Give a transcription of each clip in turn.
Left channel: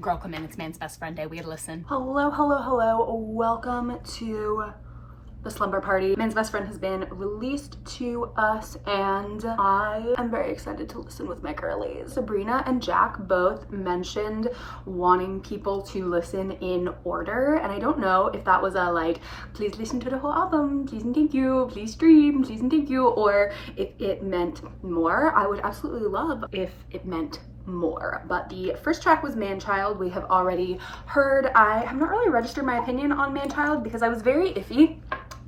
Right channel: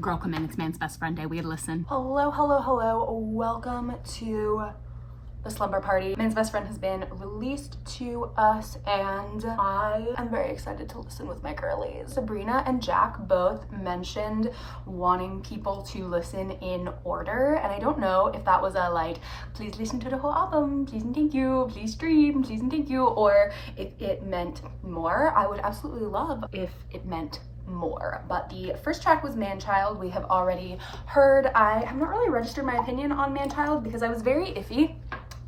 Girl, come in, it's man's best friend day. We gotta listen. Hello, hello, hello. Welcome to the slumber party. Man's Best Friend has been released to us and I am very excited to listen with my girlies. Sabrina and Jack both mentioned wanting people to listen in order, and I don't know if that was a like, please listen to the whole album, please and thank you, please stream, please and thank you, or if it meant more. I would absolutely love if it meant more. But the first track was Manchild. We have already heard. I have not really registered my opinion on Manchild because I was very iffy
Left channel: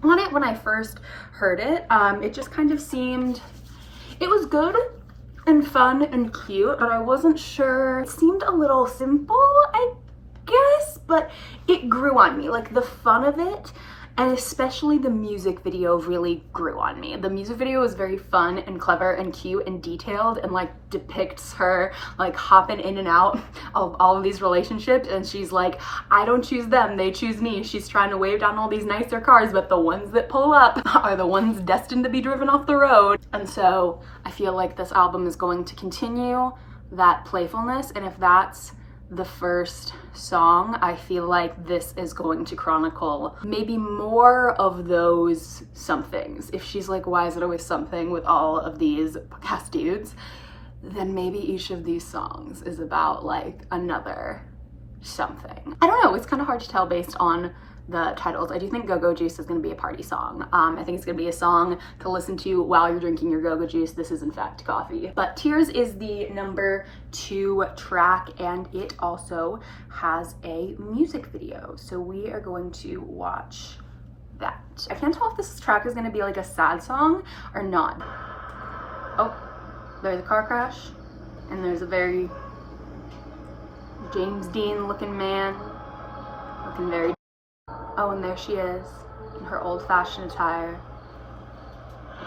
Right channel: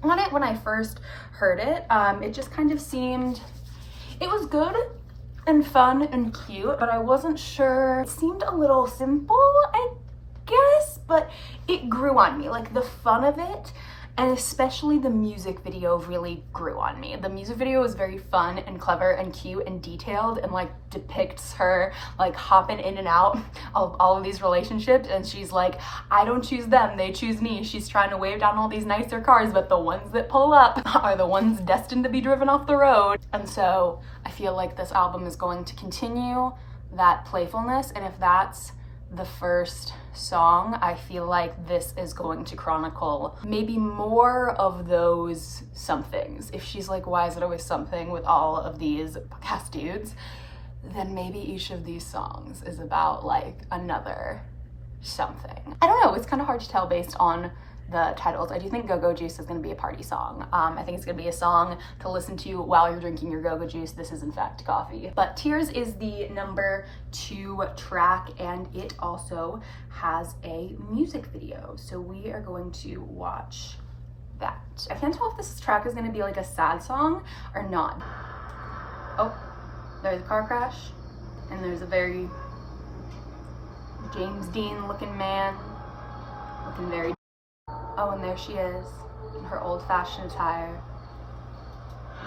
on it when I first heard it. It just kind of seemed, it was good and fun and cute, but I wasn't sure. It seemed a little simple, I guess, but it grew on me. Like the fun of it, and especially the music video really grew on me. The music video is very fun and clever and cute and detailed and like depicts her like hopping in and out of all of these relationships, and she's like, I don't choose them, they choose me. She's trying to wave down all these nicer cars, but the ones that pull up are the ones destined to be driven off the road. And so I feel like this album is going to continue that playfulness, and if that's the first song, I feel like this is going to chronicle maybe more of those somethings. If she's like, why is it always something with all of these podcast dudes, then maybe each of these songs is about like another something. I don't know, it's kind of hard to tell based on the titles. I do think Go-Go Juice is going to be a party song. I think it's going to be a song to listen to while you're drinking your Go-Go Juice. This is in fact coffee. But Tears is the number 2 track, and it also has a music video. So we are going to watch that. I can't tell if this track is going to be like a sad song or not. Oh, there's a car crash, and there's a very James Dean looking man, looking very. Oh, and there she is, in her old-fashioned attire,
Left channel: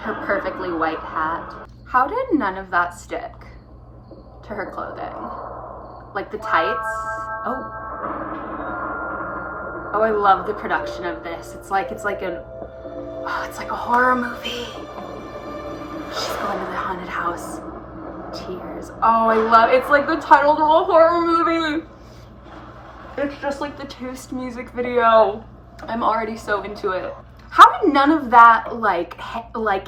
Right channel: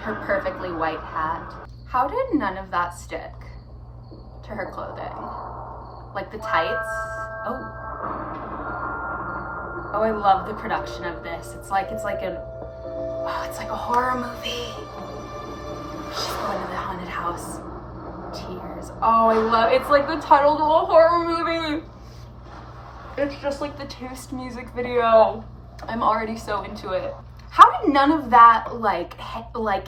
her perfectly white hat. How did none of that stick to her clothing? Like the tights? Oh, I love the production of this. It's like a horror movie. She's going to the haunted house. Tears. Oh, I love, it's like the title of a horror movie. It's just like the Taste music video. I'm already so into it. How did none of that, like,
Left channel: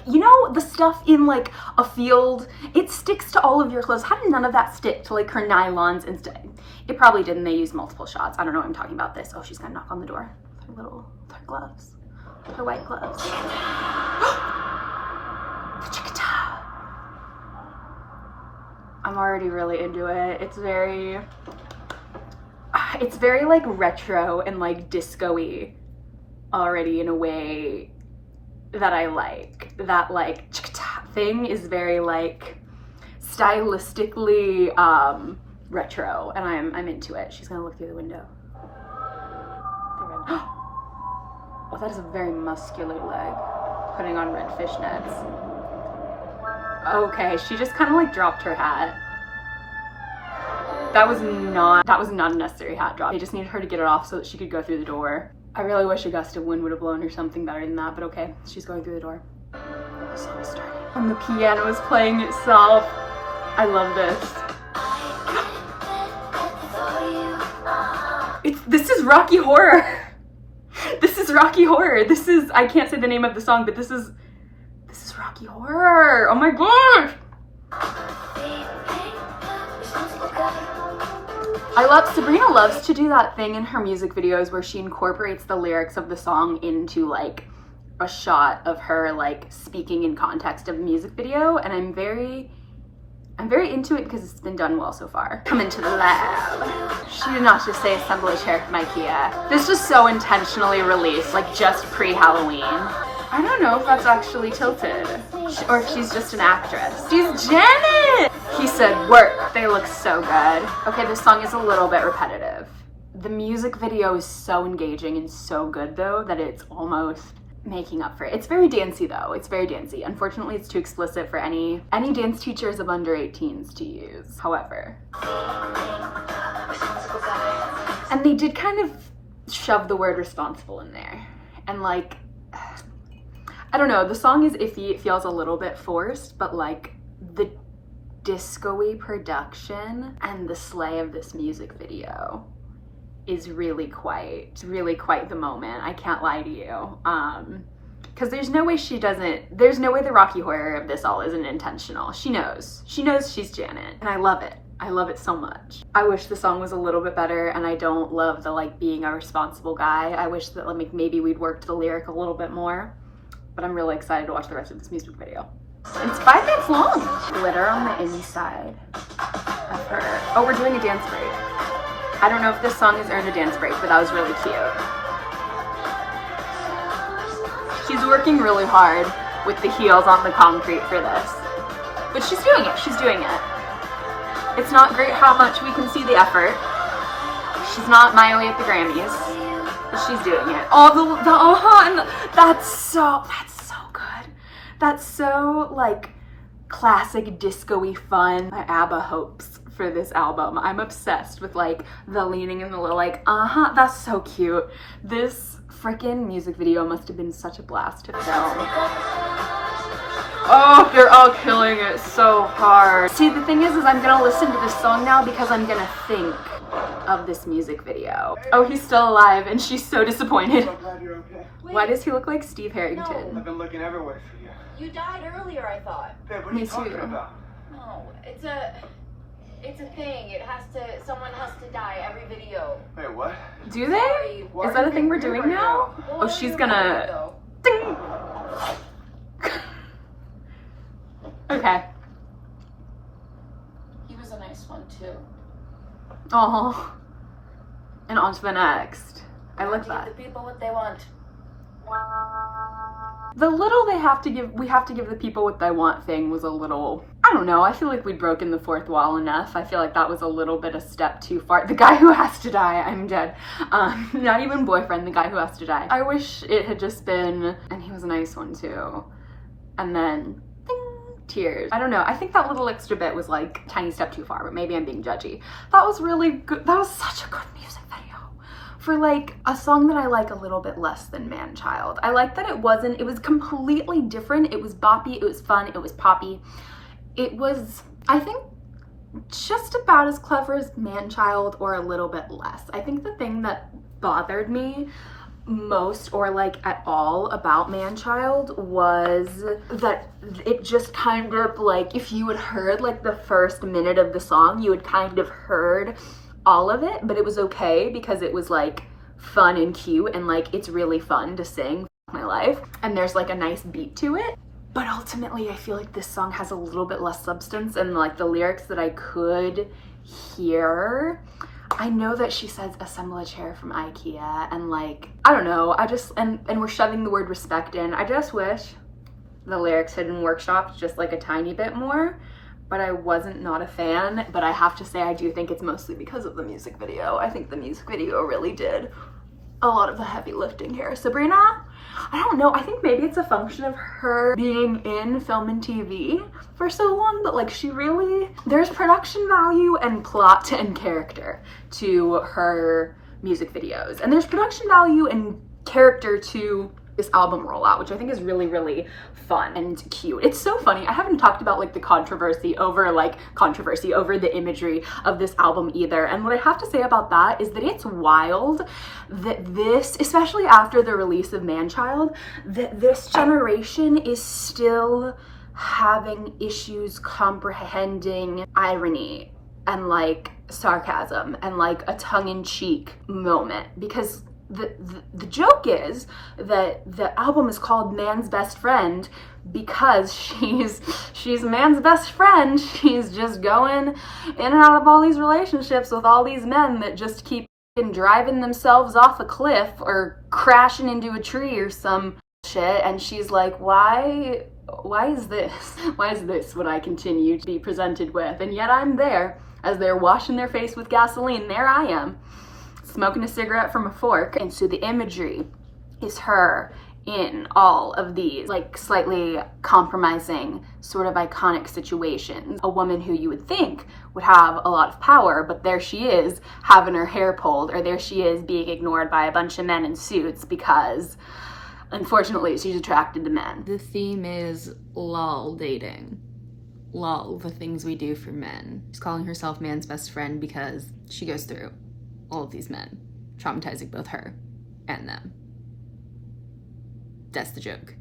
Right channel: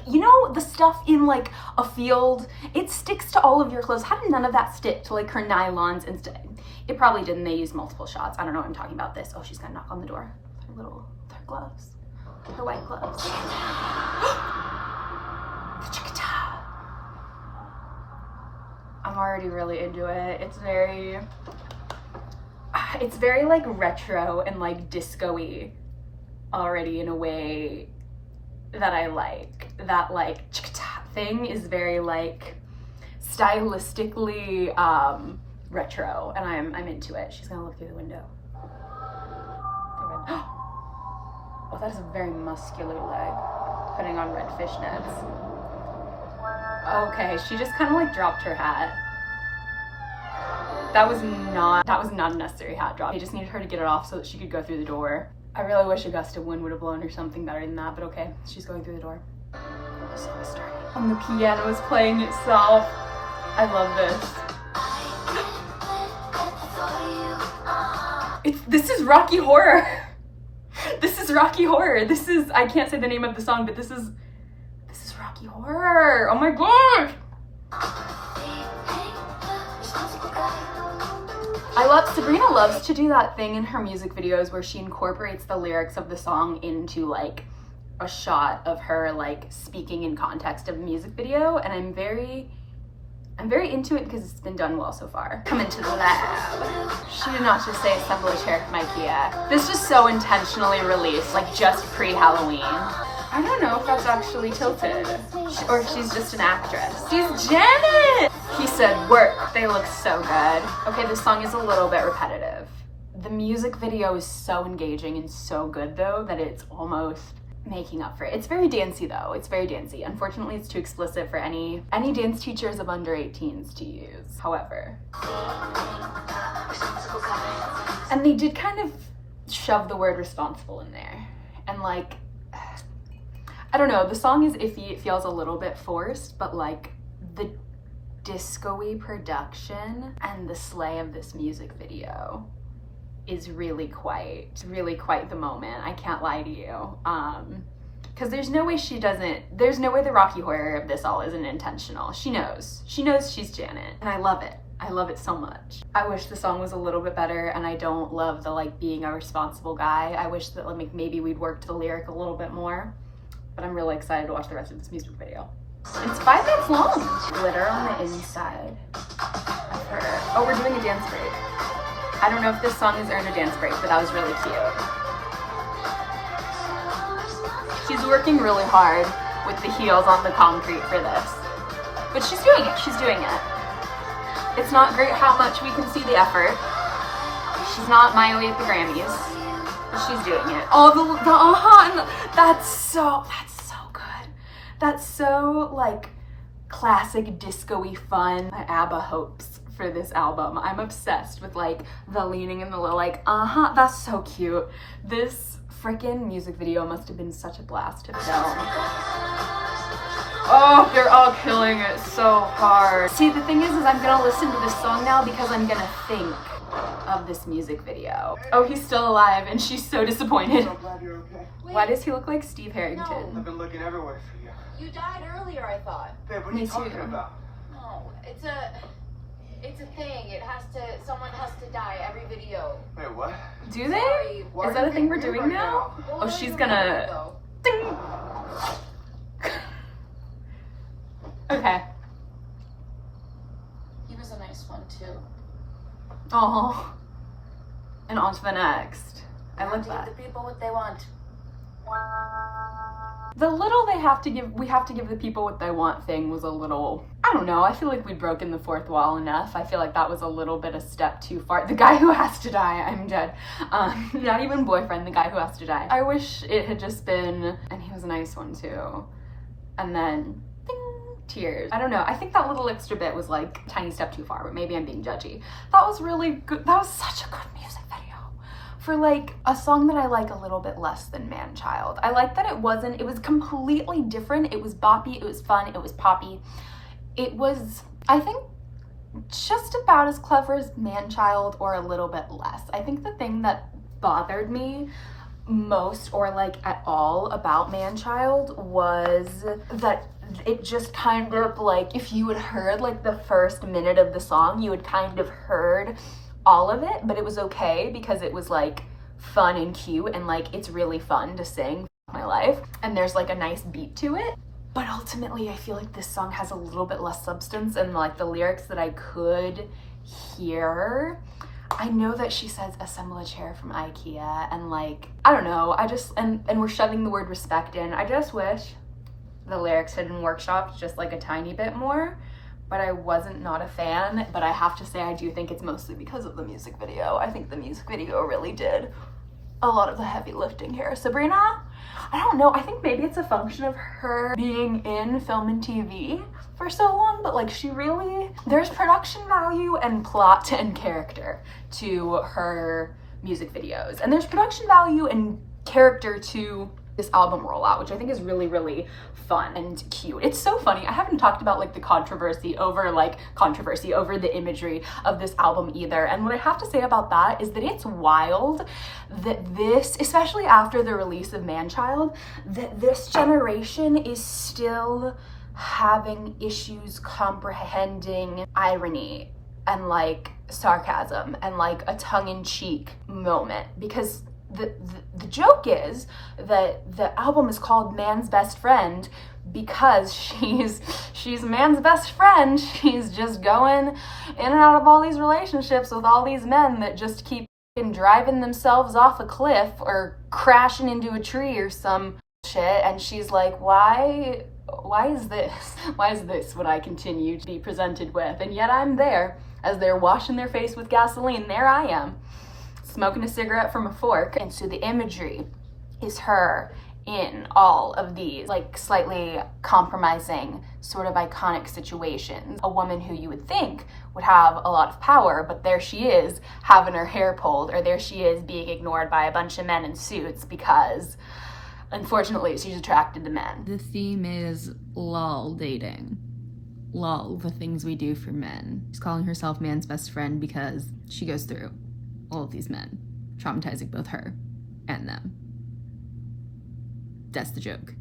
you know, the stuff in like a field, it sticks to all of your clothes. How did none of that stick to like her nylons instead? It probably didn't. They used multiple shots. I don't know what I'm talking about this. Oh, she's gonna knock on the door with her gloves, her white gloves. I'm already really into it. It's very like retro and like disco-y already in a way that I like. That like thing is very like stylistically retro, and I'm into it. She's gonna look through the window. Oh, that is a very muscular leg, putting on red fishnets. Okay, she just kind of like dropped her hat. That was not a necessary hat drop. They just needed her to get it off so that she could go through the door. I really wish a gust of wind would have blown or something better than that, but okay, she's going through the door. The song is starting. And the piano is playing itself. I love this. This is Rocky Horror. This is Rocky Horror. This is, I can't say the name of the song, but this is Rocky Horror. Oh my gosh. Sabrina loves to do that thing in her music videos where she incorporates the lyrics of the song into like a shot of her like speaking in context of the music video, and I'm very into it because it's been done well so far. Come into the lab. She did not just say assemble a chair from IKEA. This was so intentionally released, like just pre-Halloween. I don't know if that's actually tilted, or if she's just an actress. She's Janet! He said, work. They look so good. Okay, this song is a little bit repetitive. The music video is so engaging and so good though that it's almost making up for it. It's very dancey though. It's very dancey. Unfortunately, it's too explicit for any dance teachers of under 18s to use. However. And they did kind of shove the word responsible in there. And like, I don't know, the song is iffy. It feels a little bit forced, but like the disco-y production and the slay of this music video is really quite the moment. I can't lie to you. Because there's no way the Rocky Horror of this all isn't intentional. She knows she's Janet, and I love it. I love it so much. I wish the song was a little bit better, and I don't love the like being a responsible guy. I wish that like maybe we'd worked the lyric a little bit more, but I'm really excited to watch the rest of this music video. And it's 5 minutes long. Glitter on the inside of her. Oh, we're doing a dance break. I don't know if this song has earned a dance break, but that was really cute. She's working really hard with the heels on the concrete for this, but she's doing it. She's doing it. It's not great how much we can see the effort. She's not Miley at the Grammys, but she's doing it. Oh, that's so good. That's so like classic disco-y fun. My ABBA hopes for this album. I'm obsessed with like the leaning and the little like, that's so cute. This freaking music video must have been such a blast to film. Oh, they're all killing it so hard. See, the thing is I'm gonna listen to this song now because I'm gonna think of this music video. Oh, he's still alive, and she's so disappointed. I'm so glad you're okay. Why does he look like Steve Harrington? I've been looking everywhere for you. You died earlier, I thought. Hey, what are you talking about? No, it's a thing. Someone has to die every video. Wait, what? Do they? Is that a thing we're doing now? Oh, she's gonna... Ding! Okay. He was a nice one too. Oh. And on to the next. I like that. Give the people what they want. The little we have to give the people what they want thing was a little, I don't know, I feel like we'd broken the fourth wall enough. I feel like that was a little bit a step too far. The guy who has to die, I'm dead. Not even boyfriend, the guy who has to die. I wish it had just been, and he was a nice one too. And then, ding, tears. I don't know, I think that little extra bit was like a tiny step too far, but maybe I'm being judgy. That was really good, that was such a good music video. For like a song that I like a little bit less than Manchild. I like that it was completely different. It was boppy, it was fun, it was poppy. It was, I think, just about as clever as Manchild or a little bit less. I think the thing that bothered me most or like at all about Manchild was that it just kind of like, if you had heard like the first minute of the song, you had kind of heard all of it, but it was okay because it was like fun and cute and like it's really fun to sing my life and there's like a nice beat to it. But ultimately I feel like this song has a little bit less substance and like the lyrics that I could hear. I know that she says assemble a chair from IKEA and like, I don't know, I just, and we're shoving the word respect in. I just wish the lyrics had been workshopped just like a tiny bit more. But I wasn't not a fan, but I have to say I do think it's mostly because of the music video. I think the music video really did a lot of the heavy lifting here. Sabrina, I don't know, I think maybe it's a function of her being in film and TV for so long, but like there's production value and plot and character to her music videos. And there's production value and character to this album rollout, which I think is really, really fun and cute. It's so funny. I haven't talked about like the controversy over the imagery of this album either. And what I have to say about that is that it's wild that this, especially after the release of Manchild, that this generation is still having issues comprehending irony and like sarcasm and like a tongue-in-cheek moment, because the joke is that the album is called Man's Best Friend because she's man's best friend. She's just going in and out of all these relationships with all these men that just keep driving themselves off a cliff or crashing into a tree or some shit, and she's like, why is this? Why is this what I continue to be presented with? And yet I'm there as they're washing their face with gasoline. There I am, smoking a cigarette from a fork. And so the imagery is her in all of these like slightly compromising sort of iconic situations. A woman who you would think would have a lot of power, but there she is having her hair pulled, or there she is being ignored by a bunch of men in suits because unfortunately she's attracted to men. The theme is lol dating. lol, the things we do for men. She's calling herself man's best friend because she goes through all of these men, traumatizing both her and them. That's the joke.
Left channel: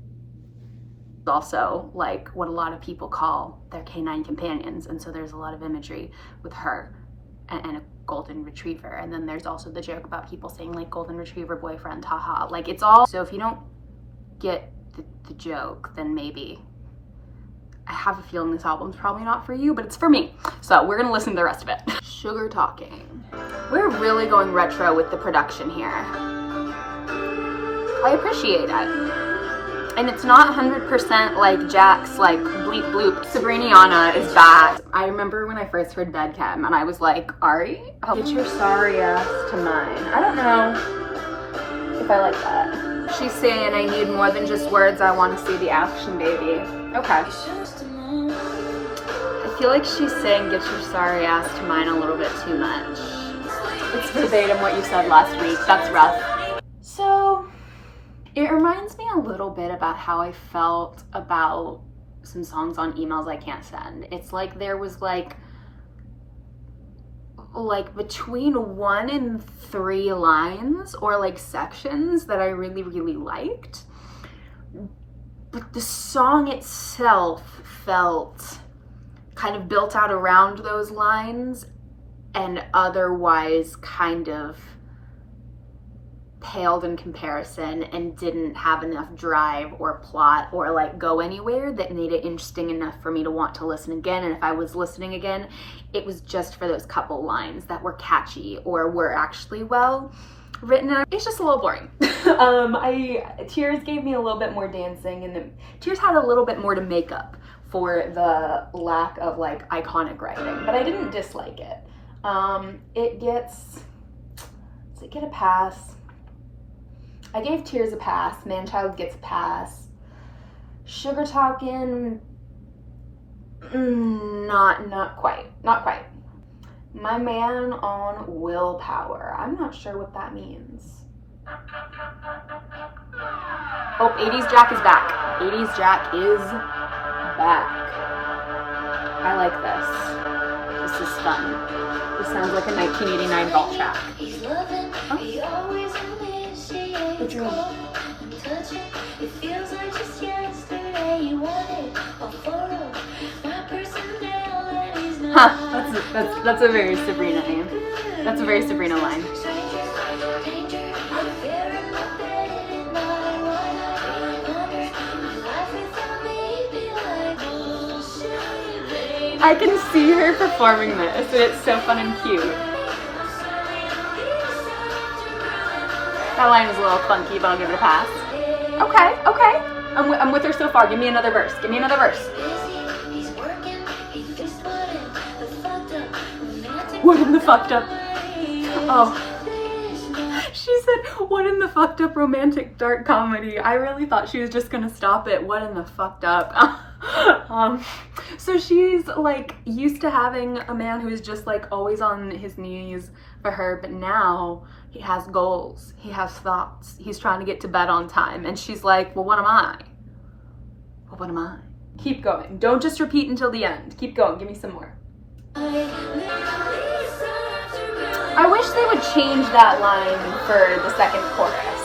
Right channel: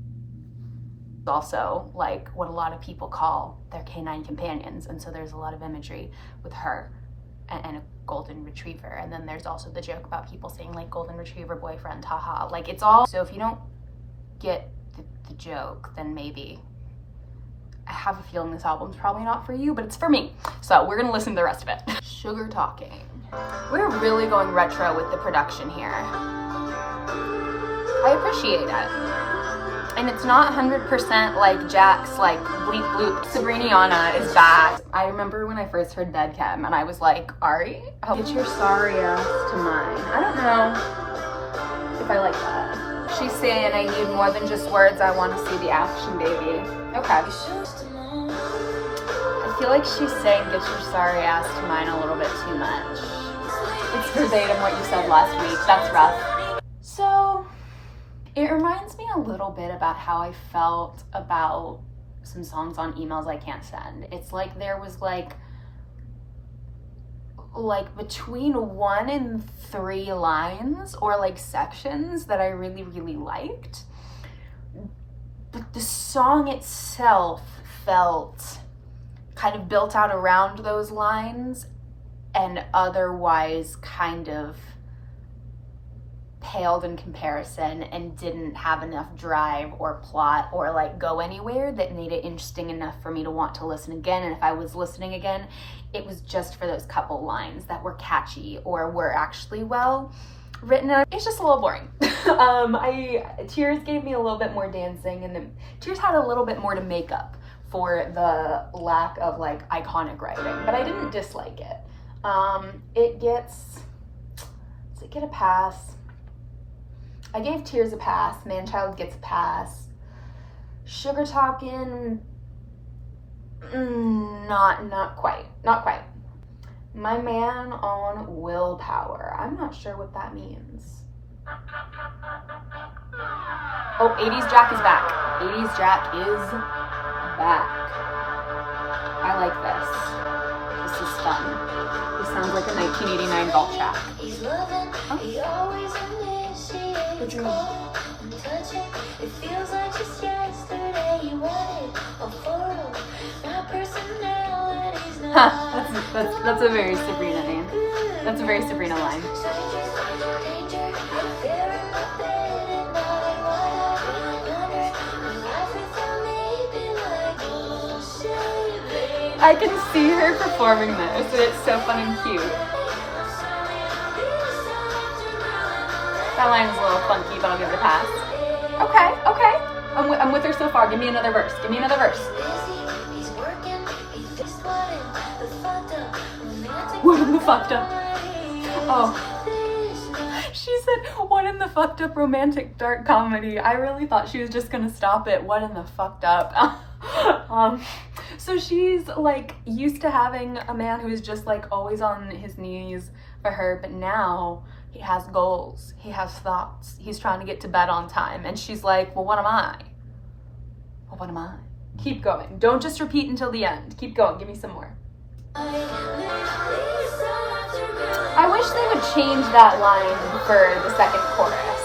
Also, like, what a lot of people call their canine companions, and so there's a lot of imagery with her and a golden retriever. And then there's also the joke about people saying, like, golden retriever boyfriend, haha. Like, it's all, so if you don't get the joke, then maybe, I have a feeling this album's probably not for you, but it's for me. So we're gonna listen to the rest of it. Sugar Talking. We're really going retro with the production here. I appreciate it. And it's not 100% like Jack's like bleep bloop. Sabrina is back. I remember when I first heard Bedchem and I was like, Ari, get your sorry ass to mine. I don't know if I like that. She's saying I need more than just words, I want to see the action, baby. Okay. I feel like she's saying get your sorry ass to mine a little bit too much. It's verbatim what you said last week. That's rough. So, it reminds me a little bit about how I felt about some songs on Emails I Can't Send. It's like there was like between 1 and 3 lines or like sections that I really, really liked. But the song itself felt kind of built out around those lines and otherwise kind of paled in comparison and didn't have enough drive or plot or like go anywhere that made it interesting enough for me to want to listen again. And if I was listening again, it was just for those couple lines that were catchy or were actually well written. It's just a little boring. Tears gave me a little bit more dancing, and Tears had a little bit more to make up for the lack of like iconic writing, but I didn't dislike it. Does it get a pass? I gave Tears a pass. Manchild gets a pass. Sugar Talking, not quite. My Man on Willpower. I'm not sure what that means. Oh, 80s Jack is back. 80s Jack is back. I like this. This is fun. This sounds like a 1989 vault track. The dream. It feels like just yesterday you wanted a photo. My personality's not. That's a very Sabrina name. That's a very Sabrina line. I can see her performing this, and it's so fun and cute. That line was a little clunky, but I'll give it a pass. Okay. I'm with her so far. Give me another verse. What in the fucked up? Oh. She said, what in the fucked up romantic dark comedy? I really thought she was just gonna stop it. What in the fucked up? So she's like used to having a man who's just like always on his knees for her, but now he has goals, he has thoughts, he's trying to get to bed on time, and she's like, well, what am I? Keep going. Don't just repeat until the end. Keep going. Give me some more. I wish they would change that line for the second chorus,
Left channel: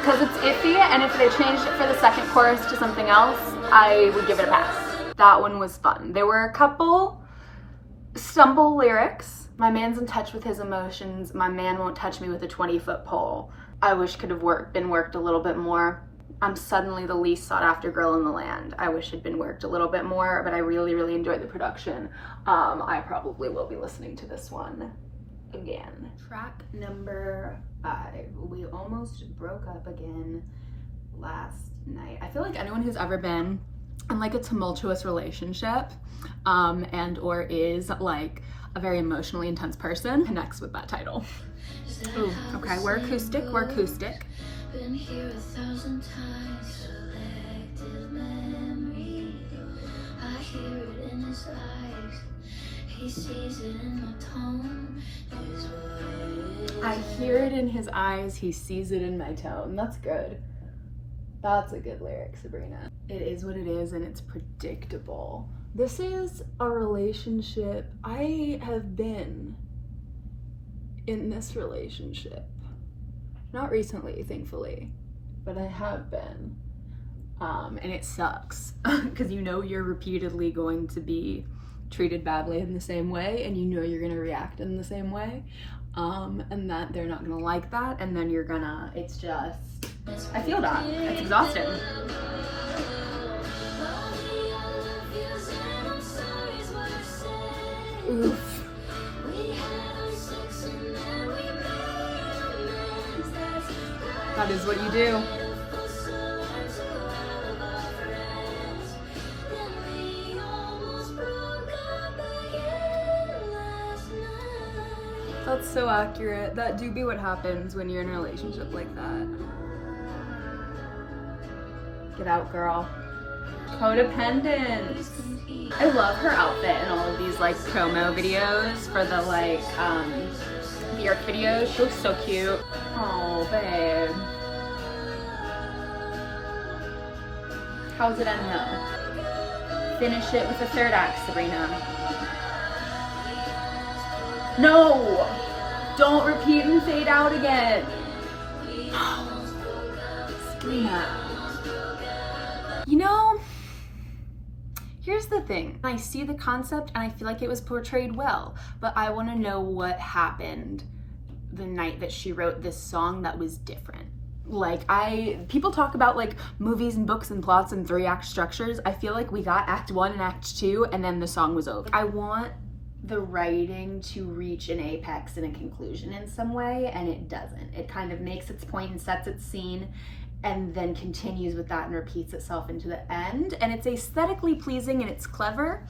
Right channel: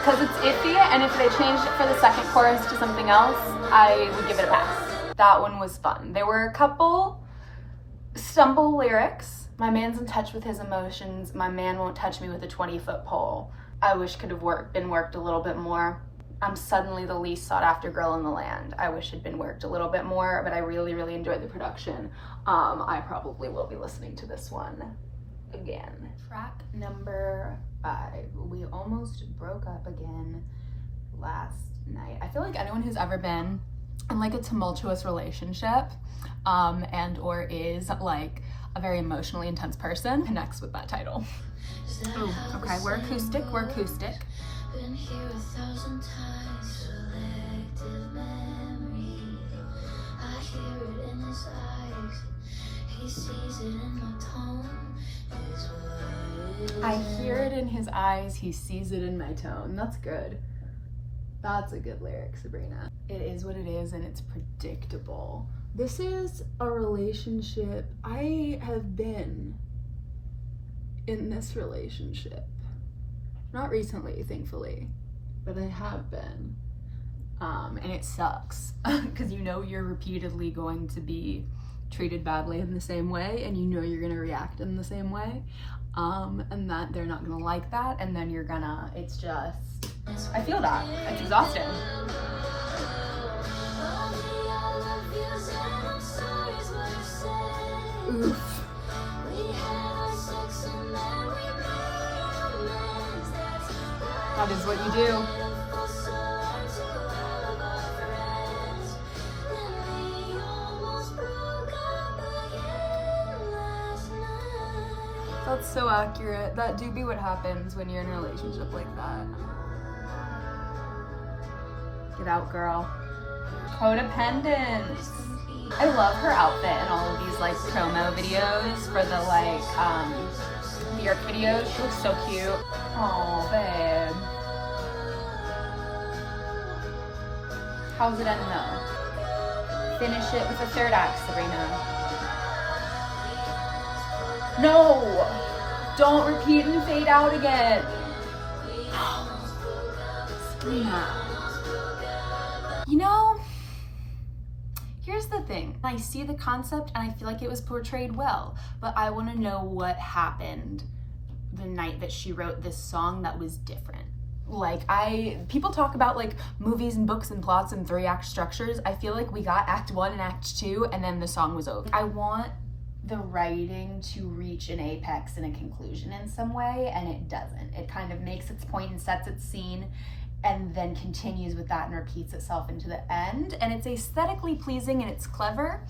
because it's iffy, and if they changed it for the second chorus to something else, I would give it a pass. That one was fun. There were a couple stumble lyrics. My man's in touch with his emotions. My man won't touch me with a 20-foot pole. I wish could have been worked a little bit more. I'm suddenly the least sought after girl in the land. I wish it'd been worked a little bit more, but I really, really enjoyed the production. I probably will be listening to this one again. Track number 5. We almost broke up again last night. I feel like anyone who's ever been in like a tumultuous relationship and or is like a very emotionally intense person connects with that title. Ooh, okay, we're acoustic. Been here 1,000 times. Selective memory. I hear it in his eyes. He sees it in my tone. Is what I hear it in his eyes. He sees it in my tone. That's good. That's a good lyric, Sabrina. It is what it is, and it's predictable. This is a relationship. I have been in this relationship. Not recently, thankfully, but I have been. And it sucks because you know you're repeatedly going to be treated badly in the same way, and you know you're gonna react in the same way, and that they're not gonna like that, and then you're gonna, it's just, I feel that. It's exhausting. Oof. That is what you do. That's so accurate. That do be what happens when you're in a relationship like that. Get out, girl. Codependent. I love her outfit in all of these like promo videos for the like Bjork videos. She looks so cute. Oh, babe. How's it end though? Finish it with a third act, Sabrina. No! Don't repeat and fade out again. Sabrina. You know, here's the thing. I see the concept and I feel like it was portrayed well, but I want to know what happened the night that she wrote this song that was different. Like, people talk about like movies and books and plots and 3-act structures. I feel like we got act 1 and act 2 and then the song was over. I want the writing to reach an apex and a conclusion in some way, and it doesn't. It kind of makes its point and sets its scene and then continues with that and repeats itself into the end. And it's aesthetically pleasing and it's clever,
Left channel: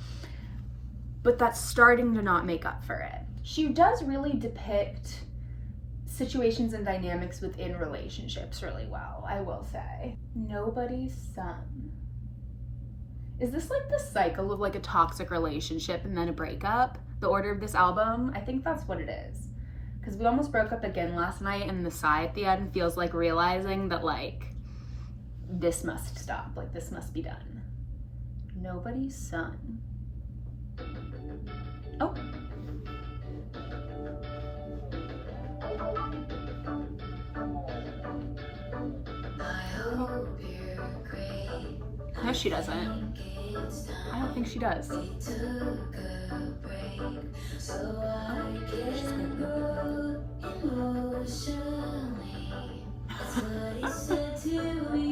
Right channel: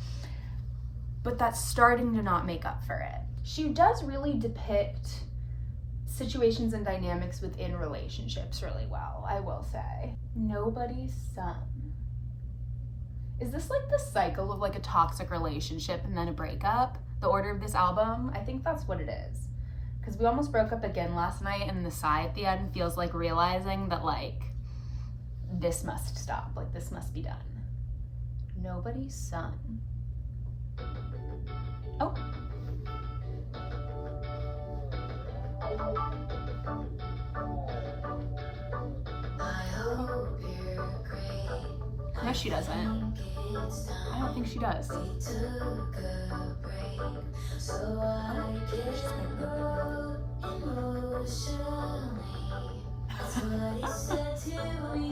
but that's starting to not make up for it. She does really depict situations and dynamics within relationships really well, I will say. Nobody's son. Is this like the cycle of like a toxic relationship and then a breakup? The order of this album? I think that's what it is. Because we almost broke up again last night, and the sigh at the end feels like realizing that like, this must stop, like this must be done. Nobody's son. Oh. No, she doesn't. I don't think she does.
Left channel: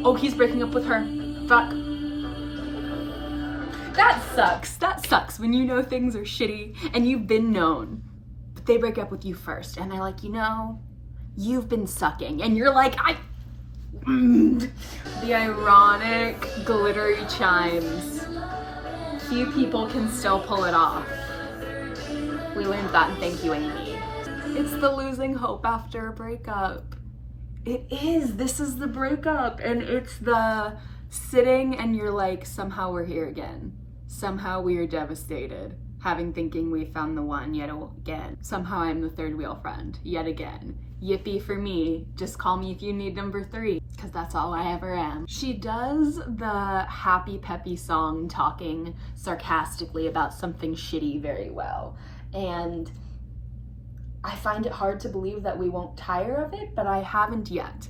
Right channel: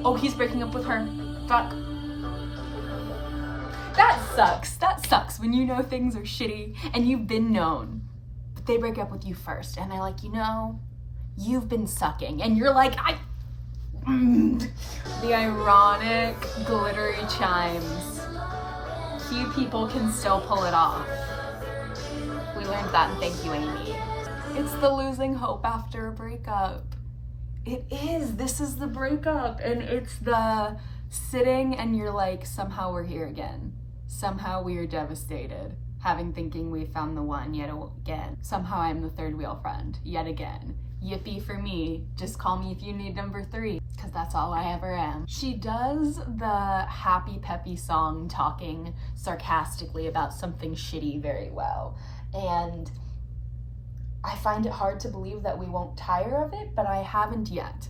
Oh, he's breaking up with her. Fuck. That sucks. That sucks when you know things are shitty and you've been known, but they break up with you first and they're like, you know, you've been sucking, and you're like, the ironic glittery chimes. Few people can still pull it off. We learned that in Thank You, Amy. It's the losing hope after a breakup. It is. This is the breakup, and it's the sitting and you're like, somehow we're here again. Somehow we are devastated, thinking we found the one yet again. Somehow I'm the third wheel friend yet again. Yippee for me. Just call me if you need number 3, because that's all I ever am. She does the happy peppy song talking sarcastically about something shitty very well. And I find it hard to believe that we won't tire of it, but I haven't yet.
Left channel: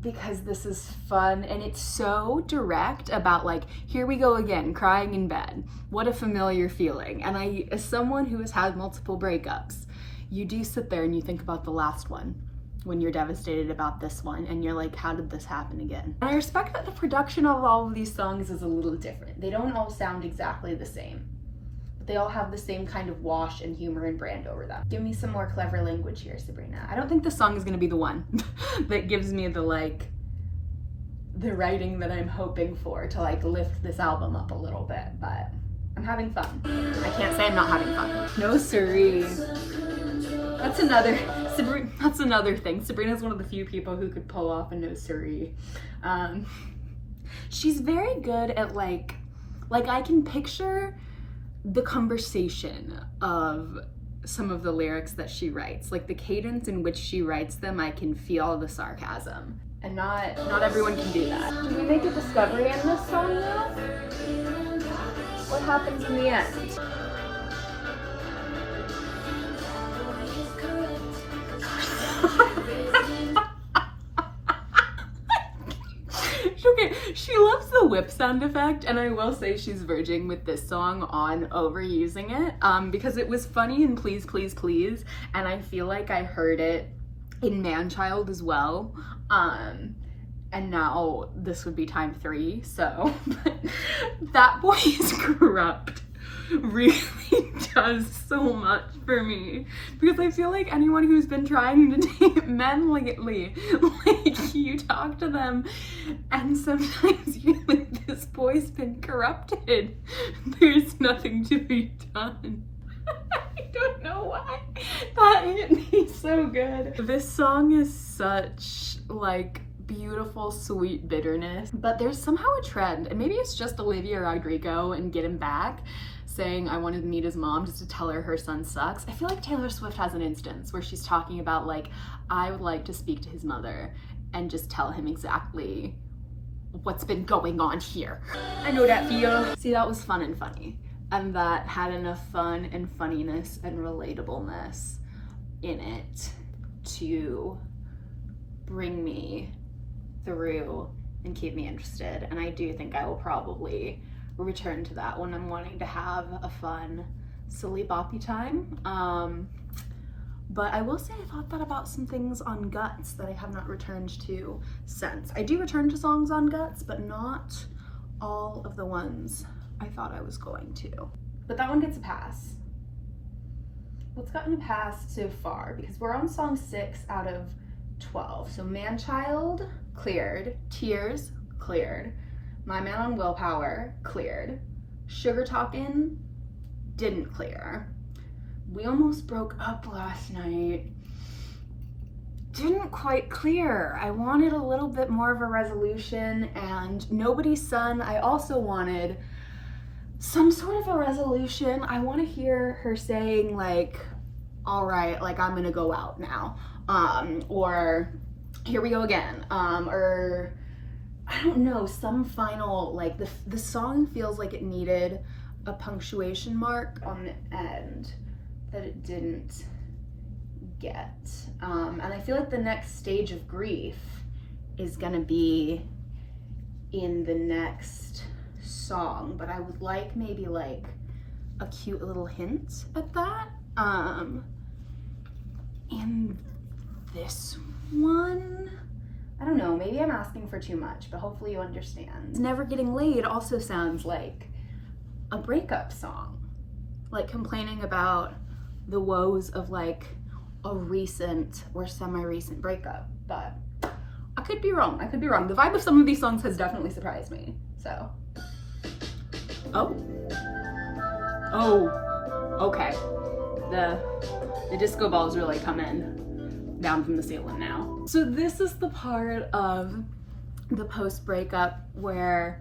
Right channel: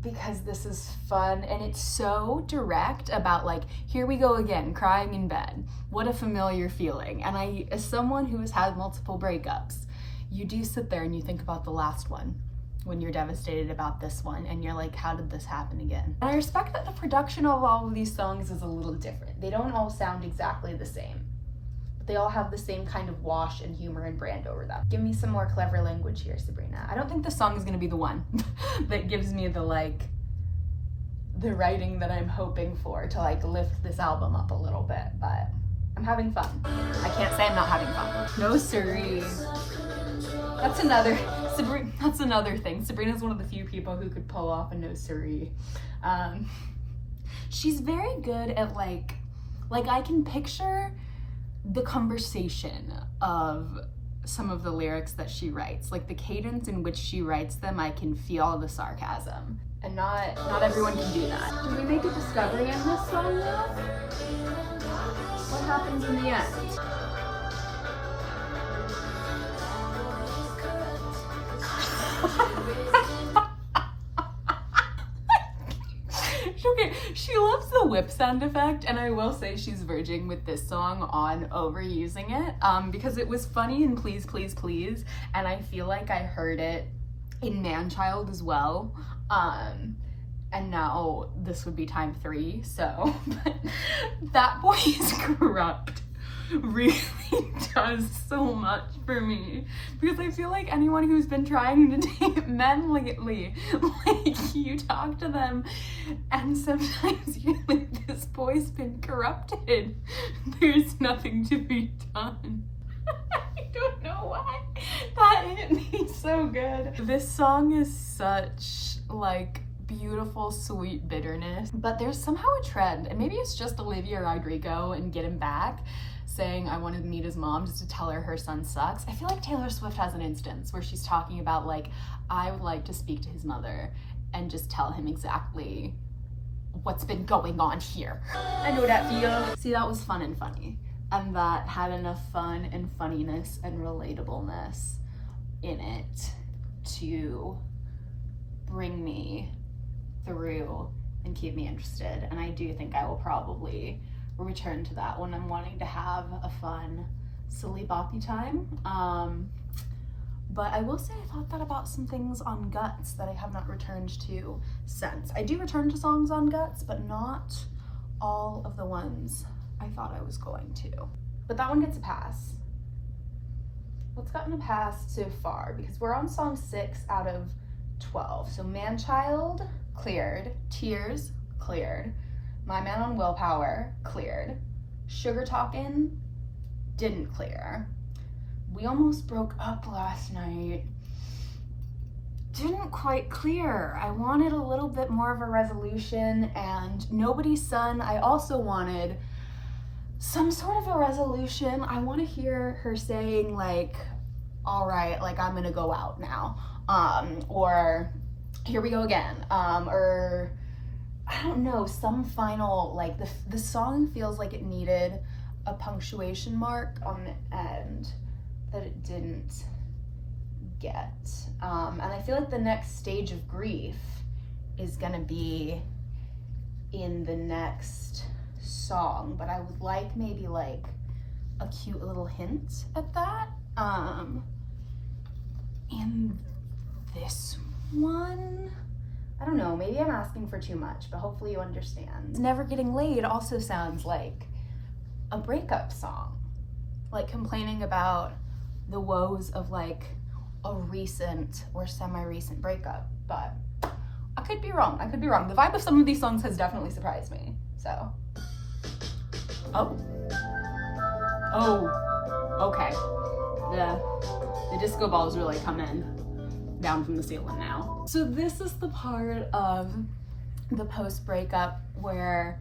Because this is fun, and it's so direct about like, here we go again, crying in bed. What a familiar feeling. And I, as someone who has had multiple breakups, you do sit there and you think about the last one when you're devastated about this one, and you're like, how did this happen again? And I respect that the production of all of these songs is a little different. They don't all sound exactly the same, but they all have the same kind of wash and humor and brand over them. Give me some more clever language here, Sabrina. I don't think this song is gonna be the one that gives me the like, the writing that I'm hoping for to like lift this album up a little bit, but I'm having fun. I can't say I'm not having fun. No siree. That's another thing. Sabrina's one of the few people who could pull off a no siree. She's very good at like I can picture the conversation of some of the lyrics that she writes, like the cadence in which she writes them. I can feel the sarcasm, and not everyone can do that. Did we make a discovery in this song though? What happens in the end? Okay, she loves the whip sound effect, and I will say she's verging with this song on overusing it, because it was funny in Please Please Please, and I feel like I heard it in Manchild as well, and now this would be time 3, so That Boy Is Corrupt really does so much for me, because I feel like anyone who's been trying to date men lately, like, you talk to them and sometimes you're like, this boy's been corrupted, there's nothing to be done. I don't know why that hit me so good. This song is such, like, beautiful, sweet bitterness, but there's somehow a trend, and maybe it's just Olivia Rodrigo and Get Him Back saying, I wanted to meet his mom just to tell her son sucks. I feel like Taylor Swift has an instance where she's talking about, like, I would like to speak to his mother and just tell him exactly what's been going on here. I know that feel. See, that was fun and funny, and that had enough fun and funniness and relatableness in it to bring me through and keep me interested, and I do think I will probably return to that when I'm wanting to have a fun, silly boppy time. But I will say I thought that about some things on Guts that I have not returned to since. I do return to songs on Guts, but not all of the ones I thought I was going to. But that one gets a pass. What's gotten a pass so far? Because we're on song 6 out of 12. So Manchild, cleared. Tears, cleared. My Man on Willpower, cleared. Sugar Talkin', didn't clear. We Almost Broke Up Last Night, didn't quite clear. I wanted a little bit more of a resolution, and Nobody's Son, I also wanted some sort of a resolution. I want to hear her saying, like, all right, like, I'm gonna go out now, or here we go again, or I don't know, some final, like, the song feels like it needed a punctuation mark on the end that it didn't get. And I feel like the next stage of grief is gonna be in the next song, but I would like maybe like a cute little hint at that. In this one, I don't know, maybe I'm asking for too much, but hopefully you understand. Never Getting Laid also sounds like a breakup song, like complaining about the woes of like a recent or semi-recent breakup, but I could be wrong. The vibe of some of these songs has definitely surprised me, so. Oh, okay. The disco balls really come in down from the ceiling now. So this is the part of the post-breakup where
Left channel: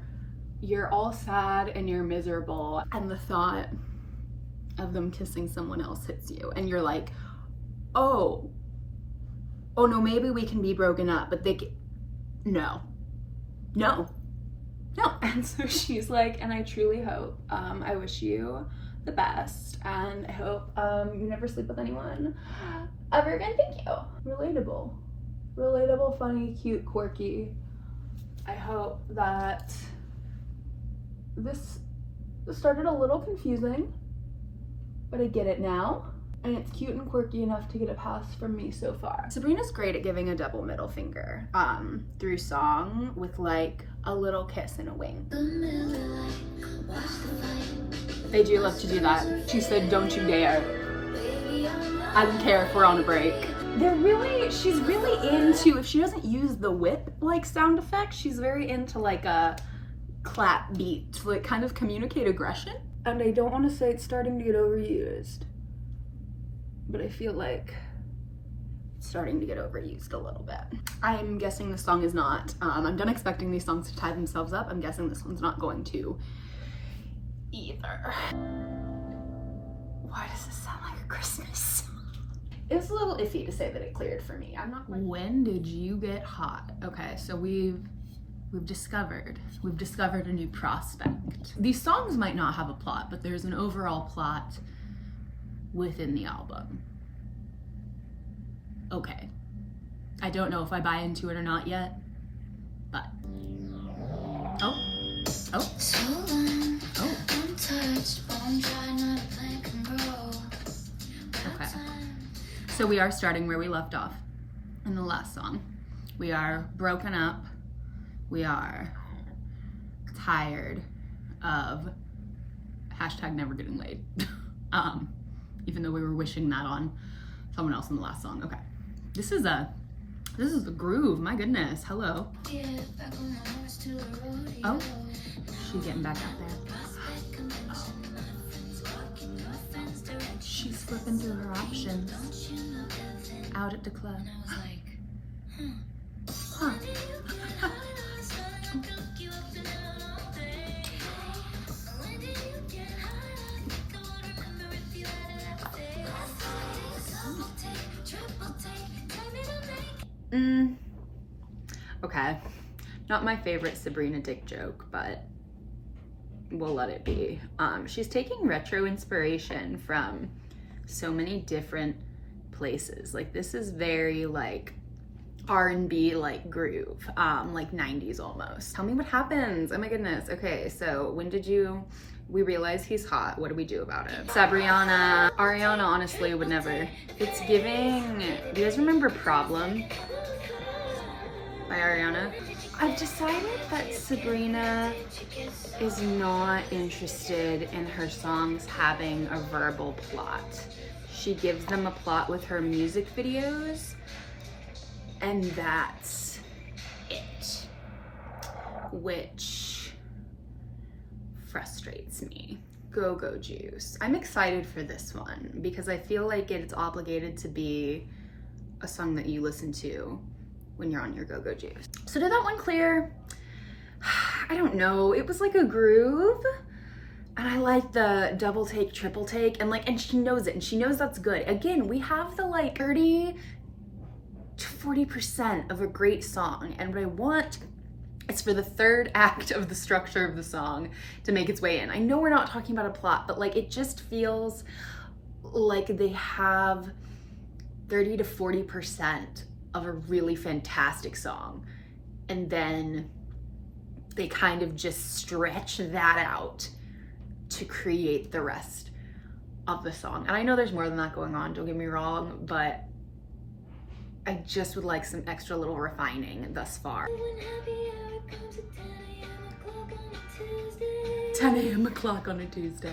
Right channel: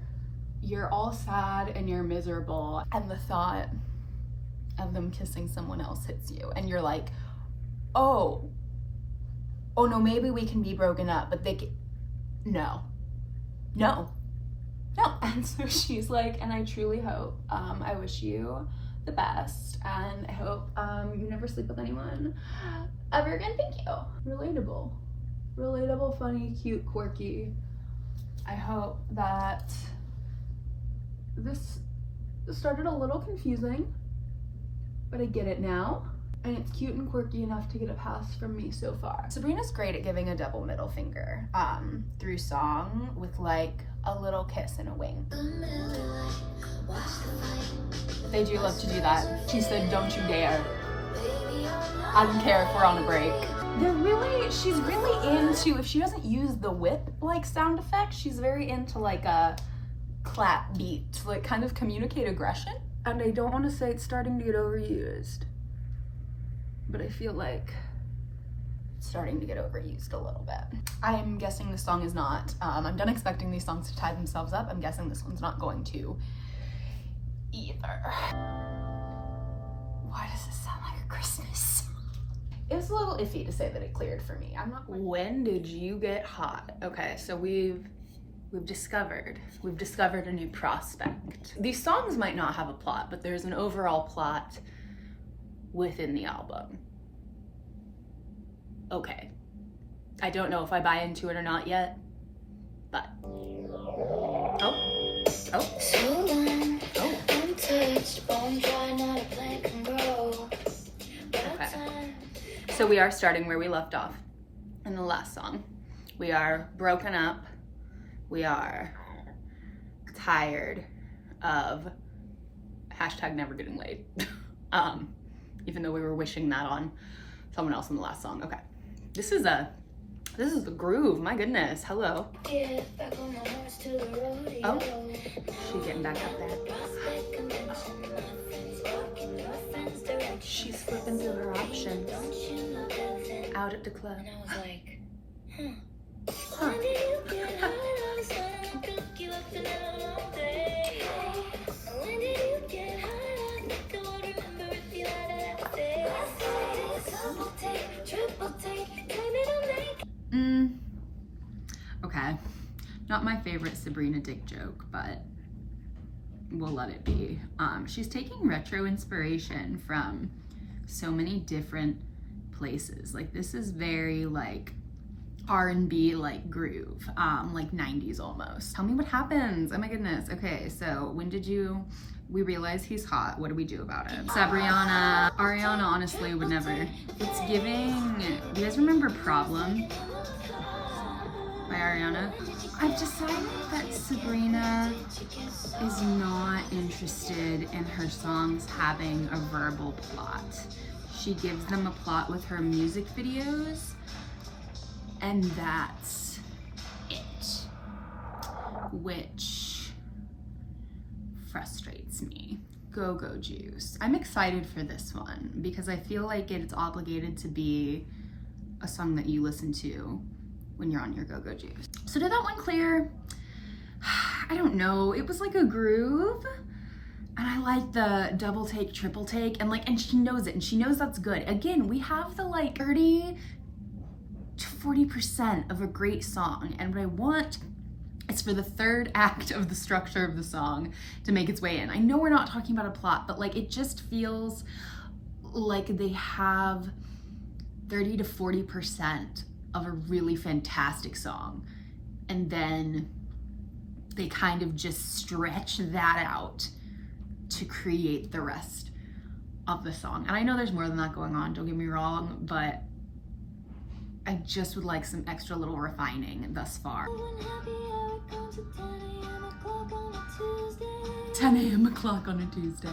you're all sad and you're miserable, and the thought of them kissing someone else hits you, and you're like, oh no, maybe we can be broken up, but no. And so she's like, and I truly hope, I wish you the best, and I hope you never sleep with anyone ever again. Thank you. Relatable, funny, cute, quirky. I hope that this started a little confusing, but I get it now, and it's cute and quirky enough to get a pass from me so far. Sabrina's great at giving a double middle finger through song with like a little kiss and a wink. They do love to do that. She said, don't you dare. I don't care if we're on a break. She's really into, if she doesn't use the whip like sound effect, she's very into like a clap beat to like kind of communicate aggression. And I don't want to say it's starting to get overused, but I feel like it's starting to get overused a little bit. I'm guessing this song is not. I'm done expecting these songs to tie themselves up. I'm guessing this one's not going to either. Why does this sound like a Christmas song? It's a little iffy to say that it cleared for me. I'm not. When did you get hot? Okay, so we've we've discovered a new prospect. These songs might not have a plot, but there's an overall plot within the album. Okay. I don't know if I buy into it or not yet, but okay. So we are starting where we left off in the last song. We are broken up. We are tired of hashtag never getting laid. Even though we were wishing that on someone else in the last song. Okay. This is the groove, my goodness. Hello. Oh, she's getting back up there. She's flipping through her options out at the club. And I was like, Huh. Okay, not my favorite Sabrina dick joke, but we'll let it be. She's taking retro inspiration from so many different places. Like, this is very like R&B like groove, like 90s almost. Tell me what happens. Oh my goodness. Okay, so when did we realize he's hot? What do we do about it? Sabrina, Ariana honestly would never. It's giving, do you guys remember Problem by Ariana? I've decided that Sabrina is not interested in her songs having a verbal plot. She gives them a plot with her music videos, and that's it, which frustrates me. Go-Go Juice. I'm excited for this one because I feel like it's obligated to be a song that you listen to when you're on your Go-Go Juice. So did that one clear? I don't know. It was like a groove, and I like the double take, triple take, and she knows it, and she knows that's good. Again, we have the like 30 to 40% of a great song, and what I want is for the third act of the structure of the song to make its way in. I know we're not talking about a plot, but like it just feels like they have 30 to 40% of a really fantastic song, and then they kind of just stretch that out to create the rest of the song. And I know there's more than that going on, don't get me wrong, but I just would like some extra little refining thus far. 10 a.m. o'clock on a Tuesday.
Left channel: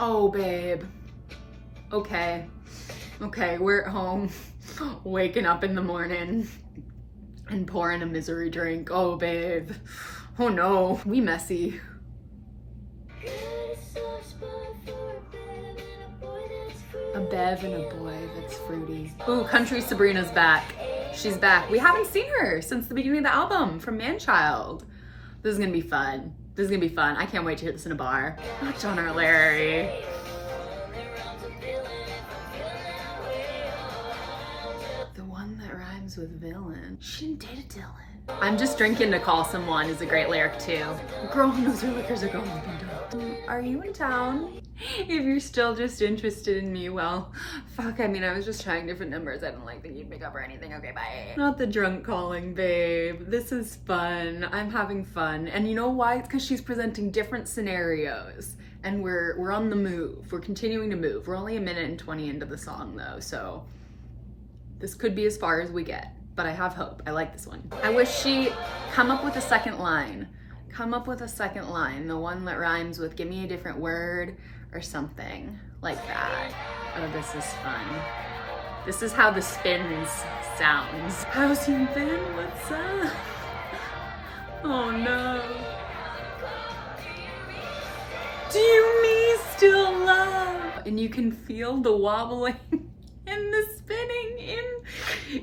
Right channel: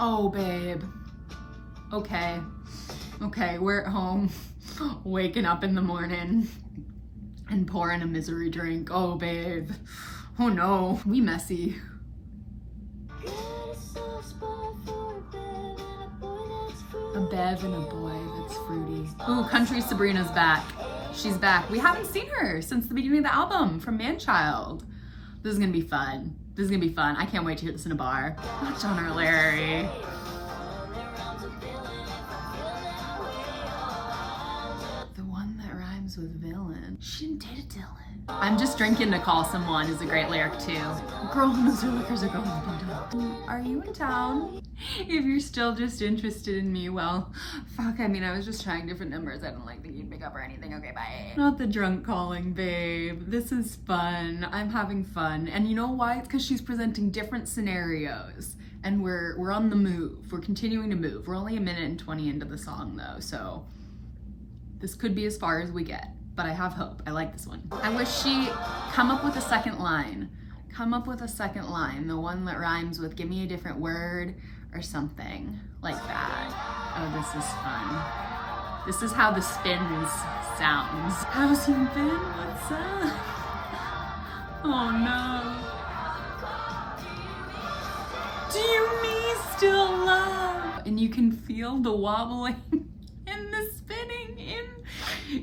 Oh, babe. Okay, we're at home, waking up in the morning and pouring a misery drink. Oh, babe. Oh no, we messy. A bev and a boy that's fruity. Ooh, Country Sabrina's back. She's back. We haven't seen her since the beginning of the album from Manchild. This is gonna be fun. I can't wait to hear this in a bar. Not John or Larry. The one that rhymes with villain. She didn't date a Dylan. I'm just drinking to call someone is a great lyric too. Girl who knows her liquors are going to be done. Are you in town? If you're still just interested in me, well, fuck, I mean, I was just trying different numbers. I didn't like think you'd pick up or anything. Okay, bye. Not the drunk calling, babe. This is fun. I'm having fun. And you know why? It's because she's presenting different scenarios. And we're on the move. We're continuing to move. We're only a minute and 20 into the song though, so this could be as far as we get. But I have hope. I like this one. I wish she come up with a second line. Come up with a second line. The one that rhymes with give me a different word or something like that. Oh, this is fun. This is how the spins sounds. How's you been? What's up? Oh no. Do you me still love? And you can feel the wobbling and the spinning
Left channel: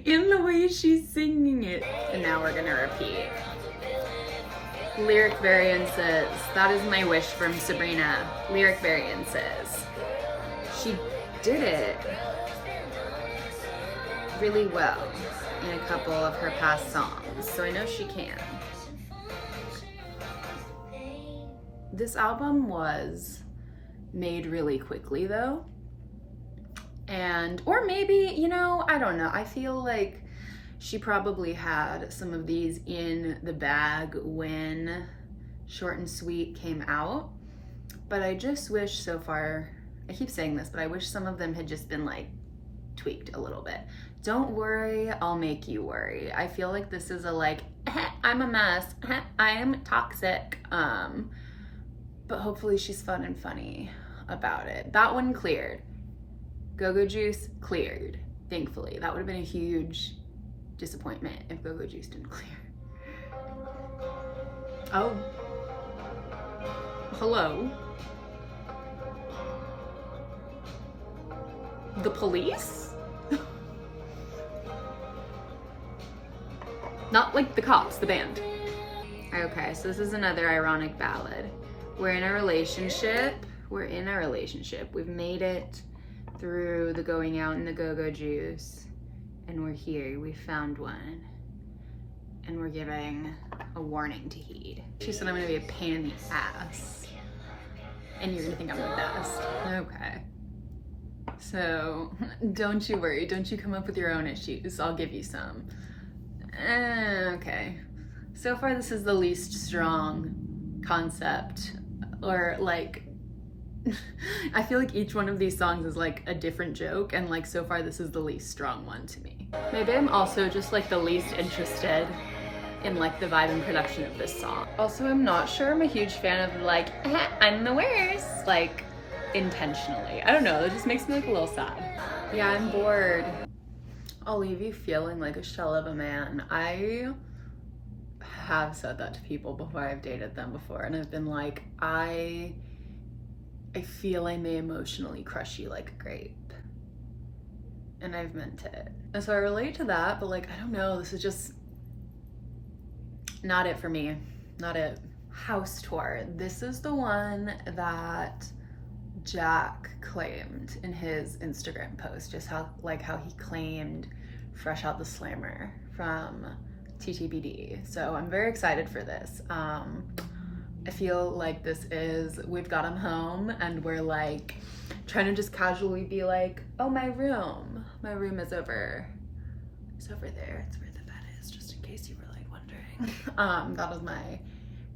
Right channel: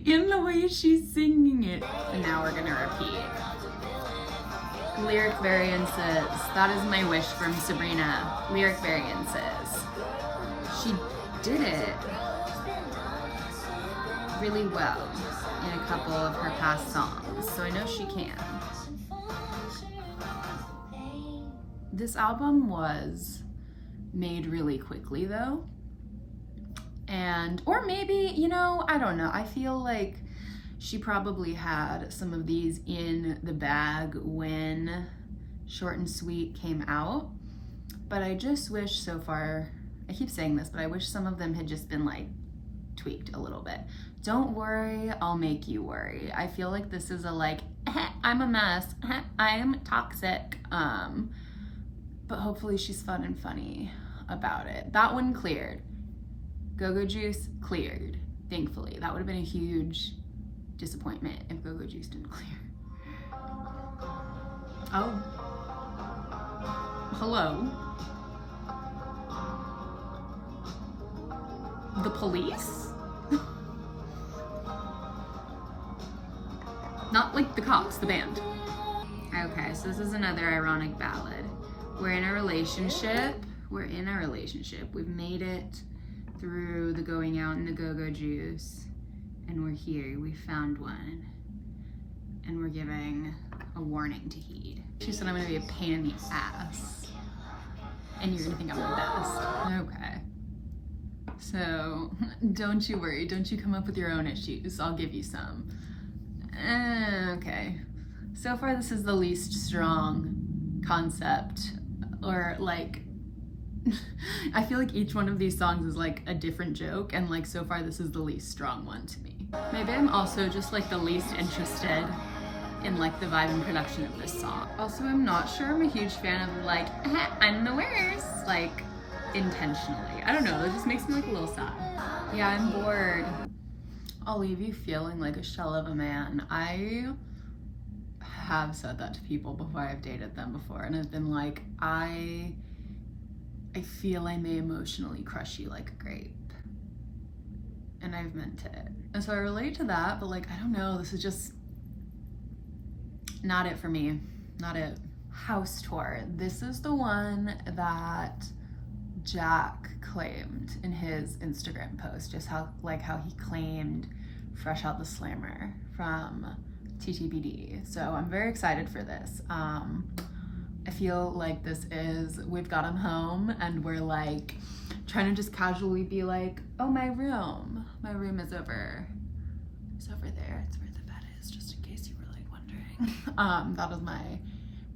in the way she's singing it. And now we're gonna repeat. Lyric variances. That is my wish from Sabrina. Lyric variances. She did it. really well in a couple of her past songs, so I know she can. This album was made really quickly though. And, or maybe, you know, I don't know. I feel like she probably had some of these in the bag when Short and Sweet came out. But I just wish so far, I keep saying this, but I wish some of them had just been like tweaked a little bit. Don't worry, I'll make you worry. I feel like this is a like, I'm a mess, I am toxic. But hopefully she's fun and funny about it. That one cleared. Go-Go Juice cleared, thankfully. That would have been a huge disappointment if Go-Go Juice didn't clear. Oh. Hello. The police? Not like the cops, the band. Okay, so this is another ironic ballad. We're in a relationship. We've made it through the going out and the Go-Go Juice, and we're here. We found one, and we're giving a warning to heed. She said I'm gonna be a pain in the ass, and you're gonna think I'm the best. Okay. So don't you worry. Don't you come up with your own issues. I'll give you some. Okay. So far, this is the least strong concept, or like, I feel like each one of these songs is like a different joke, and like so far this is the least strong one to me. Maybe I'm also just like the least interested in like the vibe and production of this song. Also, I'm not sure I'm a huge fan of like, I'm the worst, like intentionally. I don't know, it just makes me like a little sad. Yeah, I'm bored. I'll leave you feeling like a shell of a man. I have said that to people before. I've dated them before, and I've been like, I feel I may emotionally crush you like a grape. And I've meant it. And so I relate to that, but like, I don't know, this is just not it for me. Not it. House Tour. This is the one that Jack claimed in his Instagram post, just how he claimed Fresh Out the Slammer from TTBD. So I'm very excited for this. I feel like this is, we've got him home, and we're like trying to just casually be like, oh, my room is over. It's over there. It's where the bed is, just in case you were like wondering. That was my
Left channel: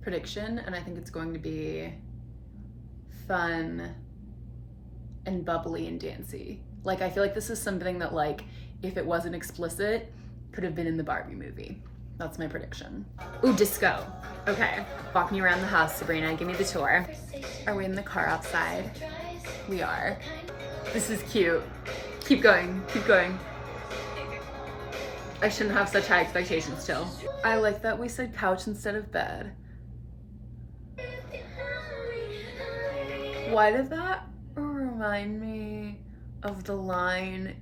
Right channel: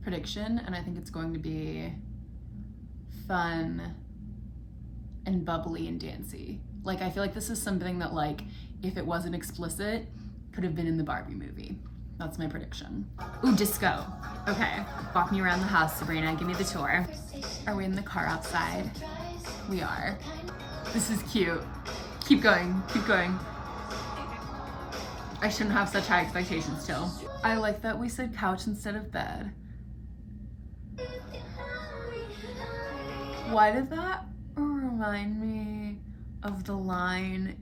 prediction, and I think it's going to be fun and bubbly and dancey. Like, I feel like this is something that, like, if it wasn't explicit, could have been in the Barbie movie. That's my prediction. Ooh, disco. Okay, walk me around the house, Sabrina. Give me the tour. Are we in the car outside? We are. This is cute. Keep going, keep going. I shouldn't have such high expectations still. I like that we said couch instead of bed. Why did that remind me of the line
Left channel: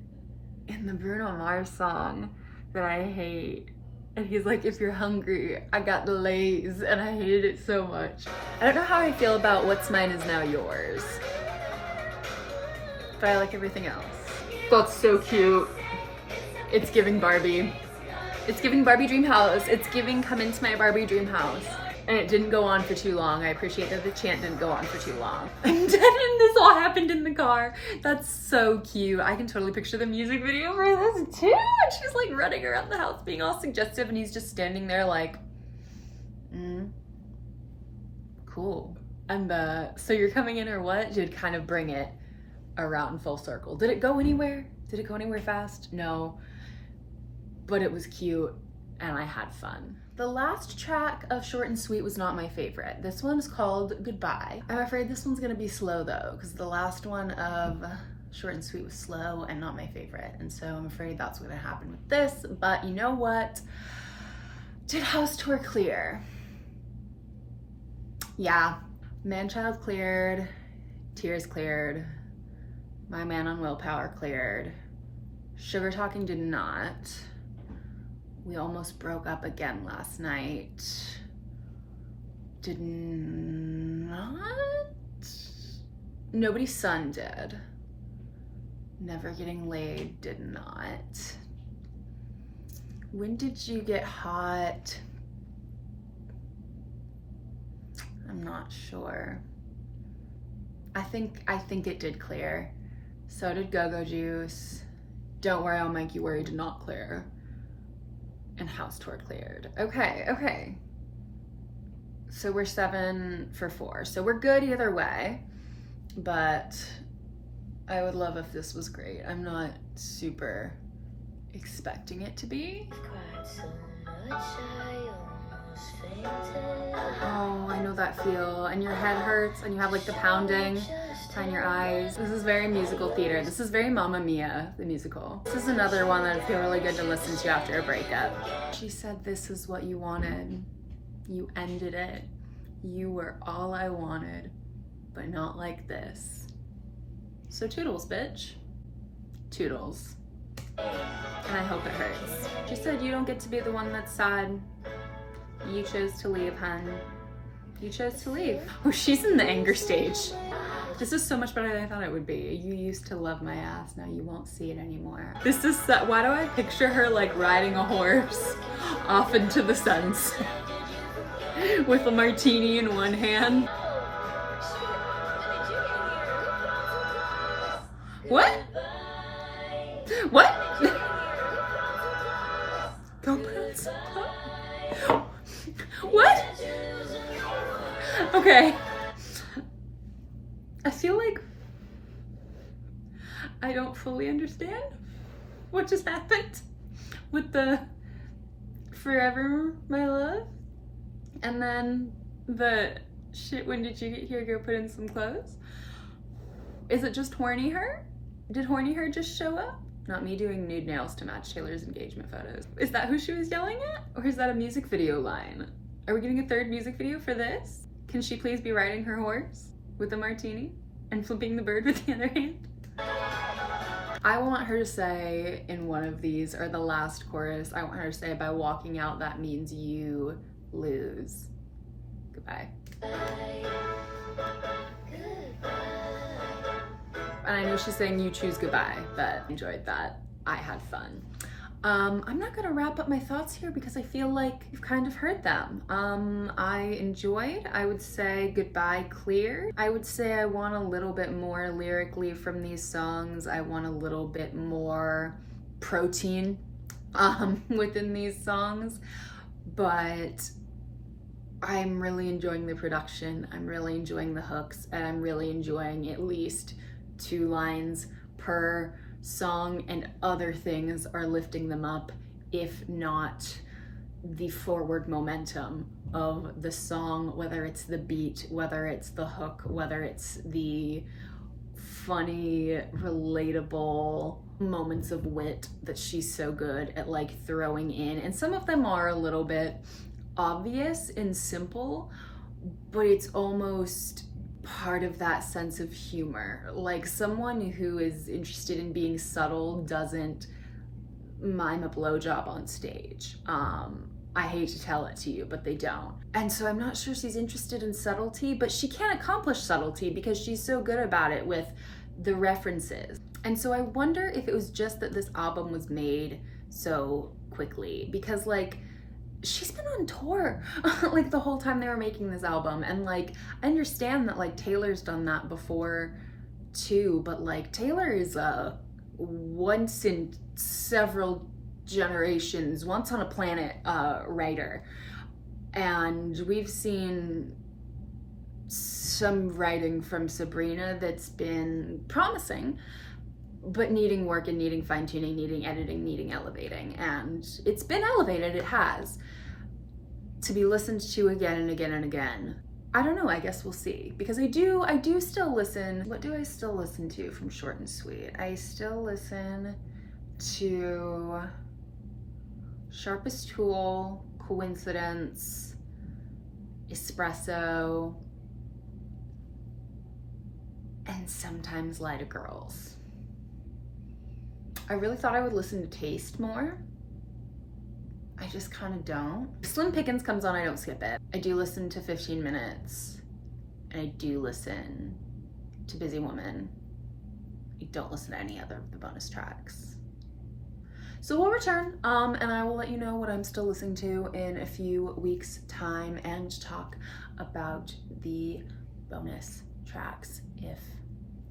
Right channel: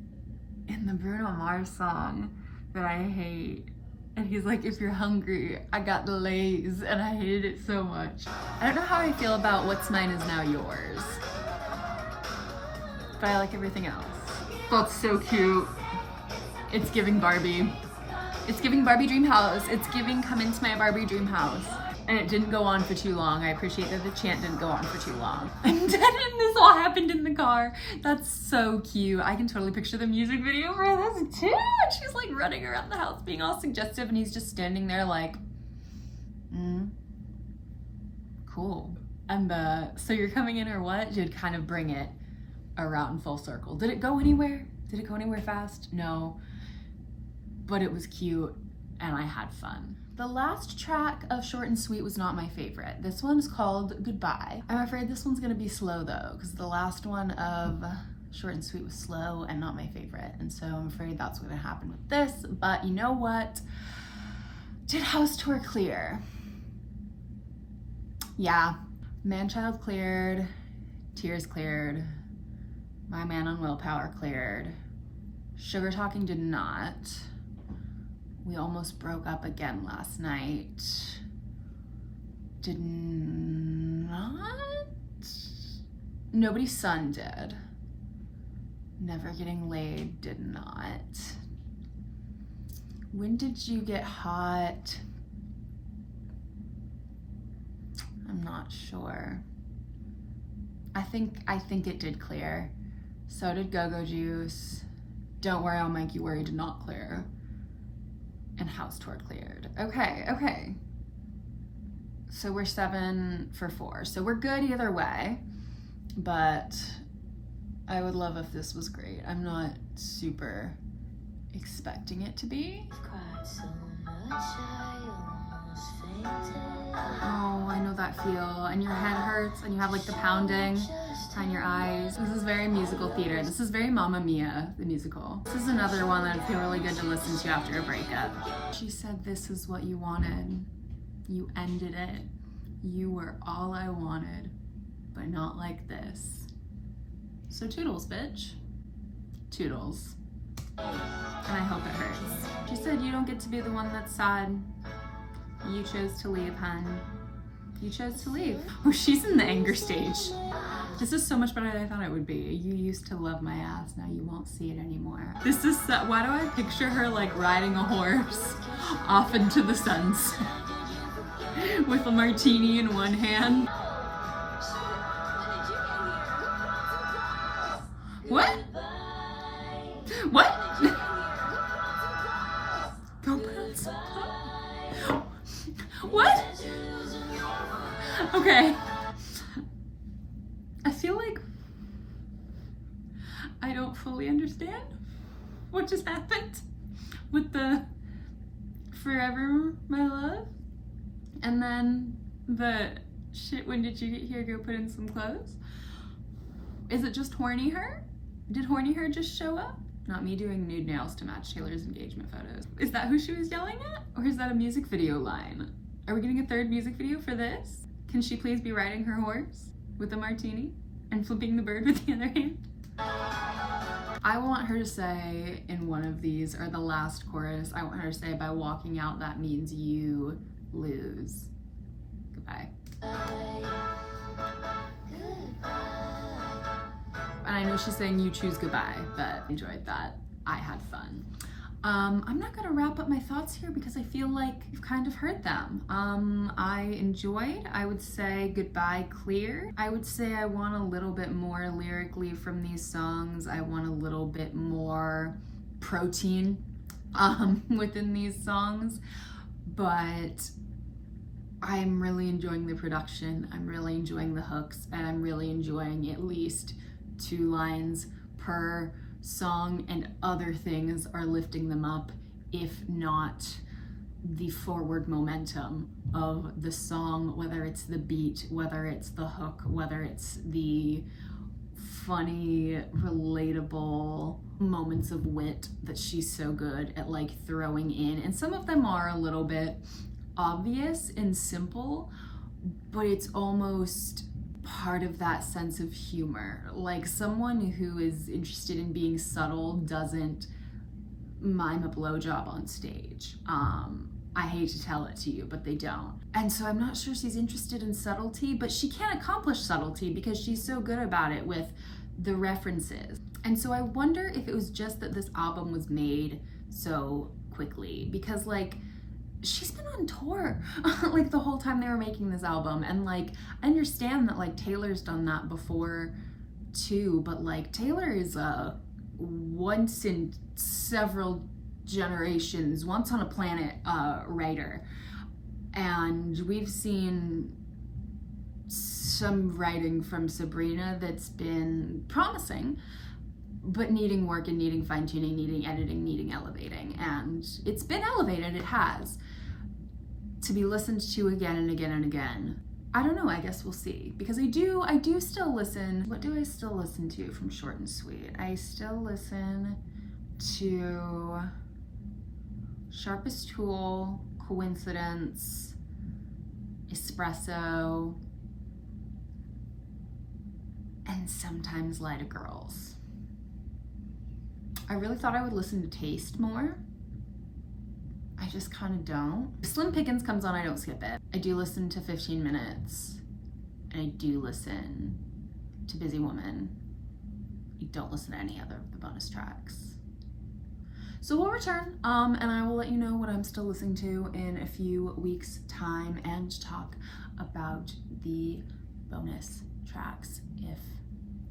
in the Bruno Mars song that I hate? And he's like, if you're hungry, I got the Lay's, and I hated it so much. I don't know how I feel about What's Mine Is Now Yours, but I like everything else. That's so cute. It's giving Barbie. It's giving Barbie Dream House. It's giving come into my Barbie Dream House. And it didn't go on for too long. I appreciate that the chant didn't go on for too long. And this all happened in the car. That's so cute. I can totally picture the music video for this too. And she's like running around the house being all suggestive, and he's just standing there like, cool. And so you're coming in or what? Did kind of bring it around full circle. Did it go anywhere? Did it go anywhere fast? No. But it was cute, and I had fun. The last track of Short and Sweet was not my favorite. This one's called Goodbye. I'm afraid this one's gonna be slow though, because the last one of Short and Sweet was slow and not my favorite. And so I'm afraid that's what's gonna happen with this, but you know what? Did House Tour clear? Yeah. Manchild cleared, Tears cleared, My Man on Willpower cleared, Sugar Talking did not. We almost broke up again last night. Did not. Nobody's Son did. Never Getting Laid did not. When did you get hot? I'm not sure. I think it did clear. So did Go-Go Juice. Don't Worry, I'll Make You Worry did not clear. And House Tour cleared. Okay. So we're 7 for 4. So we're good either way, but I would love if this was great. I'm not super expecting it to be. Cried so much I almost fainted. Oh, I know that feel. And your head hurts and you have like the pounding behind your eyes. This is very musical theater. This is very Mamma Mia, the musical. This is another one that I feel really good to listen to after a breakup. She said, "This is what you wanted. You ended it. You were all I wanted, but not like this." So toodles, bitch. Toodles. And I hope it hurts. She said, "You don't get to be the one that's sad. You chose to leave, hun. You chose to leave." Oh, she's in the anger stage. This is so much better than I thought it would be. "You used to love my ass, now you won't see it anymore." This is, why do I picture her like riding a horse off into the sunset with a martini in one hand? What? What? Go put on some clothes. What? Okay. I feel like I don't fully understand what just happened with the "Forever, my love," and then the "Shit, when did you get here? Go put in some clothes." Is it just horny her? Did horny her just show up? Not me doing nude nails to match Taylor's engagement photos. Is that who she was yelling at? Or is that a music video line? Are we getting a third music video for this? Can she please be riding her horse with a martini and flipping the bird with the other hand? I want her to say in one of these, or the last chorus, I want her to say, "By walking out, that means you lose. Goodbye." And I know she's saying "you choose goodbye," but I enjoyed that. I had fun. I'm not gonna wrap up my thoughts here because I feel like you've kind of heard them. I enjoyed, I would say Goodbye cleared. I would say I want a little bit more lyrically from these songs. I want a little bit more protein within these songs, but I'm really enjoying the production. I'm really enjoying the hooks, and I'm really enjoying at least 2 lines per song, and other things are lifting them up, if not the forward momentum of the song, whether it's the beat, whether it's the hook, whether it's the funny, relatable moments of wit that she's so good at like throwing in. And some of them are a little bit obvious and simple, but it's almost part of that sense of humor. Like someone who is interested in being subtle doesn't mime a blowjob on stage. I hate to tell it to you, but they don't. And so I'm not sure she's interested in subtlety, but she can't accomplish subtlety because she's so good about it with the references. And so I wonder if it was just that this album was made so quickly, because like she's been on tour like the whole time they were making this album, and like I understand that like Taylor's done that before too, but like Taylor is a once in several generations, once on a planet writer, and we've seen some writing from Sabrina that's been promising, but needing work and needing fine-tuning, needing editing, needing elevating. And it's been elevated, it has, to be listened to again and again and again. I don't know, I guess we'll see. Because I do still listen. What do I still listen to from Short and Sweet? I still listen to Sharpest Tool, Coincidence, Espresso, and sometimes Lie to Girls. I really thought I would listen to Taste more. I just kind of don't. If Slim Pickens comes on, I don't skip it. I do listen to 15 Minutes, and I do listen to Busy Woman. I don't listen to any other of the bonus tracks. So we'll return, and I will let you know what I'm still listening to in a few weeks' time and talk about the bonus tracks if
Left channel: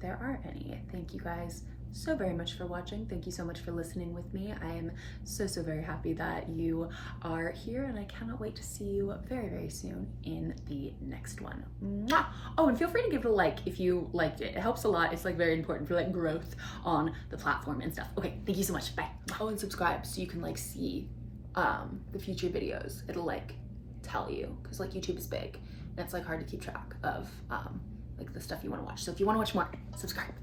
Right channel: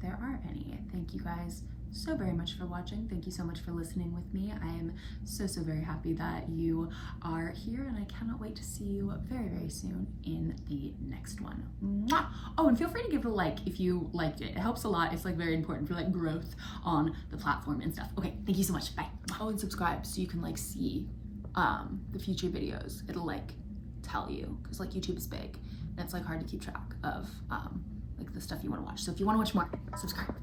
there are any. Thank you guys so very much for watching. Thank you so much for listening with me. I am so very happy that you are here, and I cannot wait to see you very soon in the next one. Mwah! Oh, and feel free to give it a like if you liked it. It helps a lot. It's like very important for like growth on the platform and stuff. Okay, thank you so much. Bye. Oh, and subscribe so you can like see the future videos. It'll like tell you, because like YouTube is big and it's like hard to keep track of like the stuff you want to watch. So if you want to watch more, subscribe.